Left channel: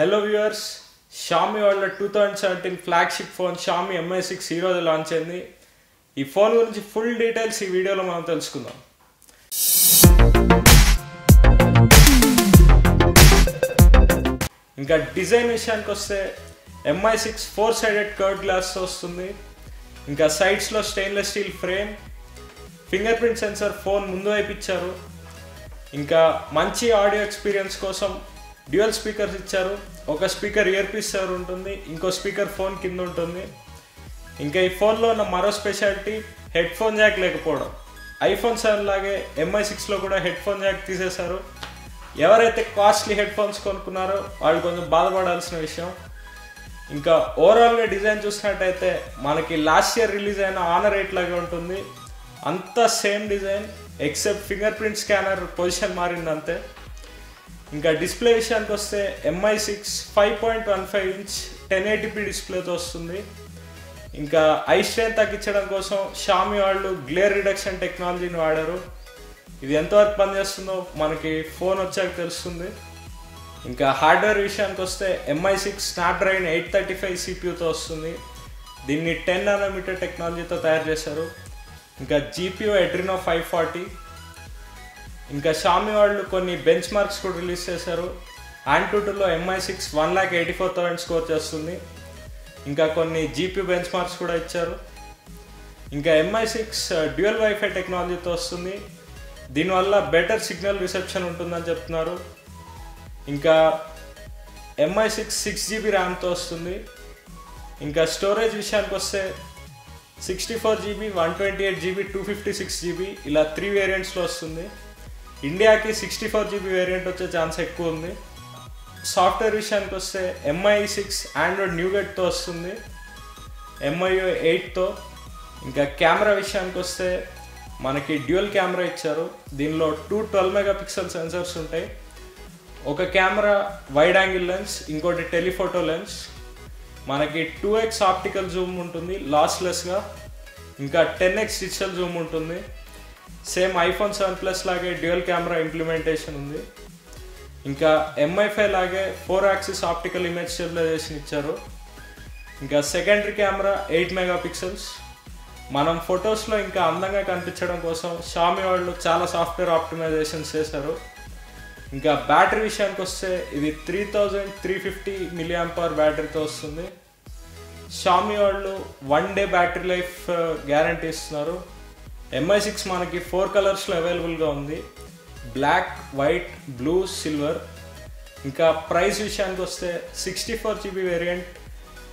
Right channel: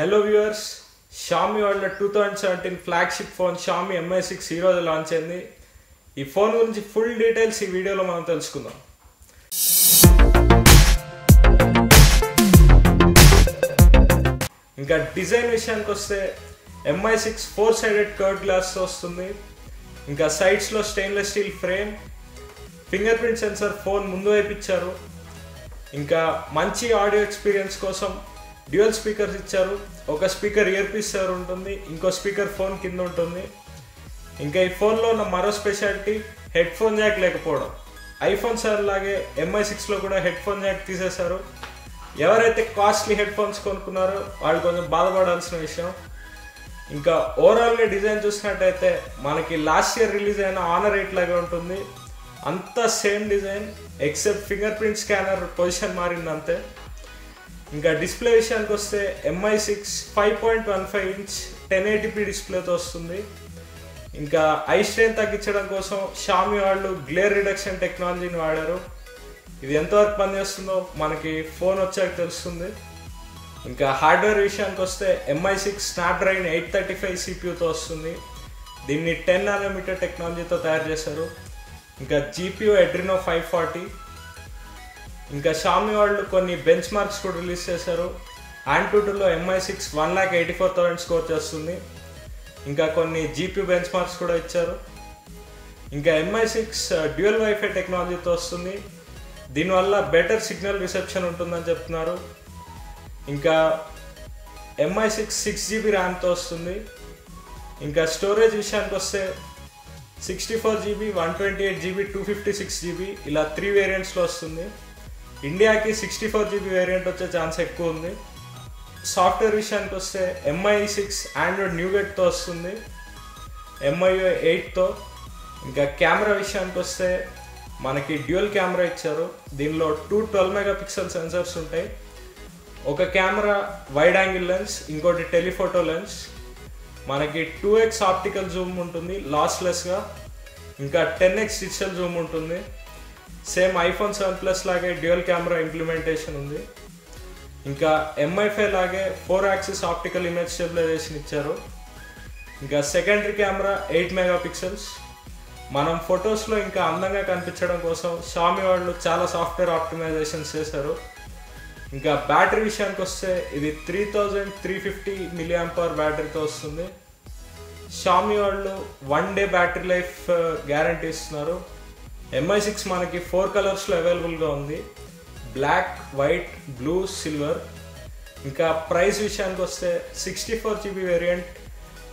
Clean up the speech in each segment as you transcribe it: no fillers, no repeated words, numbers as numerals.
Hello viewers, Xiaomi వాళ్ళ 2017 flagship phone Xiaomi Mi6 ఈ రోజు లాంచ్ అయింది. ఈ ఫోన్ గురించి ఫుల్ డీటెయిల్స్ ఈ వీడియోలో మనం తెలుసుకుందాం. ఇంకా డిజైన్ విషయానికి వస్తే Mi6 4-sided కర్వ్డ్ గ్లాస్ వస్తుంది. ఇంకా సైడ్స్ లో stainless steel frame, finger print censor phone ముందు వైపు ఇచ్చారు. ఇంకా మంచి ఆడియో ఎక్స్పీరియన్స్ కోసం డ్యూయల్ స్పీకర్స్ ఇచ్చారు. ఒక స్పీకర్ ఇయర్ పీస్ ఉంటుంది, ఇంకో స్పీకర్ ఫోన్ కింద ఉంటుంది. ఇంకా ఈ ఫోన్లో ఉన్న మరో స్పెషాలిటీ హెడ్ ఫోన్ జాక్ లేకపోవడం. ఐఫోన్ 7 లాగే Mi6లో కూడా హెడ్ ఫోన్ జాక్ తీసేశారు. ఎవరైతే కాస్ట్లీ హెడ్ ఫోన్స్ కొనుక్కున్నారో వాళ్ళు కొంచెం బాధపడాల్సిన విషయం. ఇంకా ఓవరాల్గా డిజైన్ చూసినట్టయితే మనకి లాస్ట్ ఇయర్ రిలీజ్ అయిన Honor 8 లాగే ఉంటుంది. అంతా same design except finger print scanner position మారింది అంతే. ఇంకా డిస్ప్లే విషయానికి వస్తే Mi6 5.15 ఇంచ్ 1080p డిస్ప్లేతో వస్తుంది. ఇంకా ఐ స్ట్రెయిన్ తగ్గించడం కోసం Xiaomi వాళ్ళు గ్లేర్ రిడక్షన్ టెక్నాలజీని వాడారు. ఇది ఎంతవరకు పనిచేస్తుందో మనకి ఫోన్ వచ్చాక తెలుస్తుంది. ఇంకా హార్డ్వేర్ విషయానికి వస్తే Mi6 స్నాప్డ్రాగన్ 835 CPUతో వస్తుంది. దీన్ని 10 nm టెక్నాలజీతో తయారు చేశారు. ఇంకా GPU Adreno 540. ఇంకా Xiaomi వాళ్ళు కొన్ని బెంచ్ మార్క్స్ కూడా రిలీజ్ చేశారు. AnTuTuలో Mi6 1,84,000 స్కోర్ చేస్తుంది. ఇంకా కొన్ని GPU బెంచ్ మార్క్స్ కూడా ఇచ్చారు. ఇంకా Mi6 డ్యూయల్ వైఫై టెక్నాలజీతో వస్తుంది. దీనివల్ల బెటర్ సిగ్నల్ రిసెప్షన్ ఉంటుందని చెప్తున్నారు. ఇంకా Mi6 6GB ర్యామ్తో వస్తుంది. ఇంకా స్టోరేజ్ విషయానికి వస్తే 64GB, 128GB, 256GB ఇలా 3 వేరియంట్స్లో వస్తుంది. ఇండియాకి 64GB వేరియంట్ వచ్చే ఛాన్స్ ఎక్కువ ఉంది. సాఫ్ట్వేర్ విషయానికి వస్తే Mi6 ఆండ్రాయిడ్ న్యూగెట్తో వస్తుంది, MIUI 8తో. ఇంకా కెమెరా విషయానికి వస్తే మనకి డ్యూయల్ కెమెరా ఇచ్చారు. దీనిలో 2 12MP సెన్సర్స్ ఉంటాయి. ఒక కెమెరా వైడ్ యాంగిల్ లెన్స్, ఇంకోటి టెలిఫోటో లెన్స్. మనకి 2x ఆప్టికల్ జూమ్ ఉంటుంది లాస్లెస్గా. ఇంకా 10x డిజిటల్ జూమ్ ఉంటుంది. సేమ్ iPhone 7 Plus లాగే డ్యూయల్ కెమెరా ఇంప్లిమెంటేషన్ ఉంది. ఇంకా MI5 లాగే 4 axis ఆప్టికల్ ఇమేజ్ స్టెబిలైజేషన్ ఇచ్చారు. ఇంకా సెకండరీ కెమెరా 8MP. మనం ఫొటోస్లో ఇంకా అందంగా కనిపించడం కోసం Xiaomi వాళ్ళు చాలా సాఫ్ట్వేర్ ఆప్టిమైజేషన్స్ చేశారు. ఇంకా బ్యాటరీ విషయానికి వస్తే ఇది 3350 mAh బ్యాటరీతో వస్తుంది. Xiaomi వాళ్ళు 1 day బ్యాటరీ లైఫ్ గ్యారంటీ ఇస్తున్నారు. Mi6 మనకి 4 కలర్స్లో అవైలబుల్గా ఉంది, బ్లాక్, వైట్, బ్లూ, సిల్వర్. ఇంకా ప్రైస్ విషయానికి వస్తే 64GB variant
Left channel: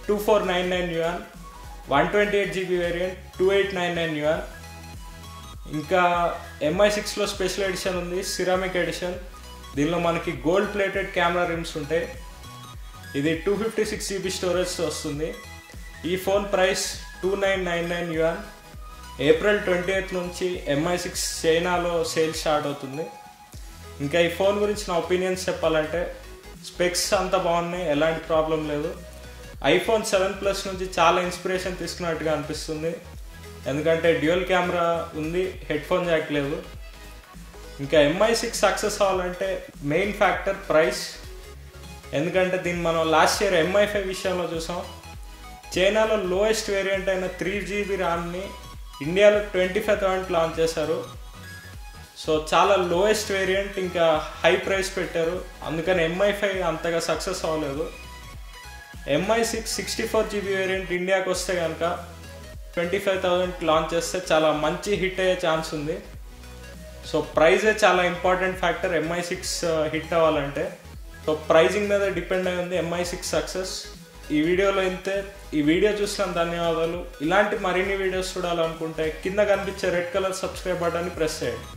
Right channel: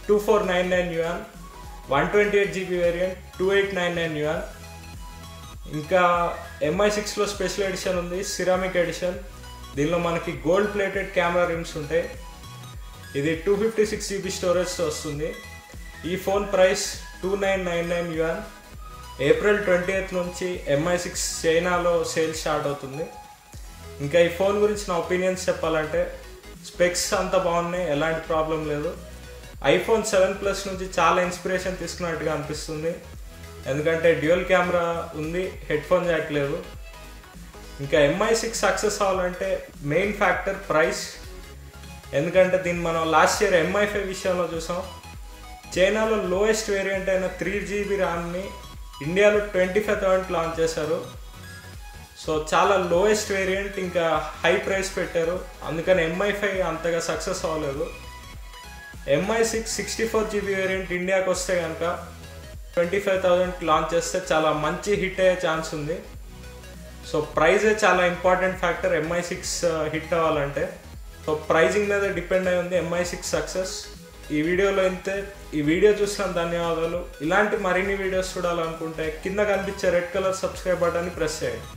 2499 yuan, 128GB variant 2899 yuan. ఇంకా Mi6లో స్పెషల్ ఎడిషన్ ఉంది, సిరామిక్ ఎడిషన్. దీనిలో మనకి గోల్డ్ ప్లేటెడ్ కెమెరా రిమ్స్ ఉంటాయి. ఇది 256GB స్టోరేజ్తో వస్తుంది. ఈ phone price 2999 yuan. April 20th నుంచి Mi6 చైనాలో సేల్ స్టార్ట్ అవుతుంది. ఇంకా ఈ ఫోన్ గురించి నా ఒపీనియన్స్ చెప్పాలంటే స్పెక్స్ అంతా బాగున్నాయి, ఎలాంటి ప్రాబ్లం లేదు. iPhone 7 Plus నుంచి చాలా ఇన్స్పిరేషన్ తీసుకున్నట్టుగా అనిపిస్తుంది. ఎందుకంటే డ్యూయల్ కెమెరా ఉంది, హెడ్ ఫోన్ జాక్ లేదు. ఇంకా Mi6 సక్సెస్ అవ్వాలంటే మెయిన్ ఫ్యాక్టర్ ప్రైస్. ఎందుకంటే దీన్ని మనం లాస్ట్ ఇయర్ MI5 విషయంలో చూసాం. చైనాలో లోయెస్ట్ వేరియంట్ అయిన 3GB ర్యామ్ని ఇండియాలో 25,000 లాంచ్ చేశారు. సో చాలా లోయెస్ట్ వేరియంట్, ఇంకా హై ప్రైస్ పెట్టారు. అందుకని MI5 అంతగా సక్సెస్ అవ్వలేదు. Mi6 64GB వేరియంట్ ఇండియాకి వస్తే కనుక 25,000 లాంచ్ చేస్తే చాలా మంచి హిట్ అయ్యే ఛాన్స్ ఉంది. సో ప్రైజే చాలా ఇంపార్టెంట్ ఫ్యాక్టర్ Mi6 హిట్ అవ్వాలంటే. సో ప్రైజింగ్ మీద డిపెండ్ అయి ఉంది Mi6 సక్సెస్. ఈ వీడియోలో అయితే ఈ వీడియో చూసిన ధన్యవాదాలు. ఇలాంటి మరిన్ని వీడియోస్ చూడాలనుకుంటే కింద కనిపించే రెడ్ కలర్ సబ్స్క్రైబ్ బటన్ని ప్రెస్ చేయండి.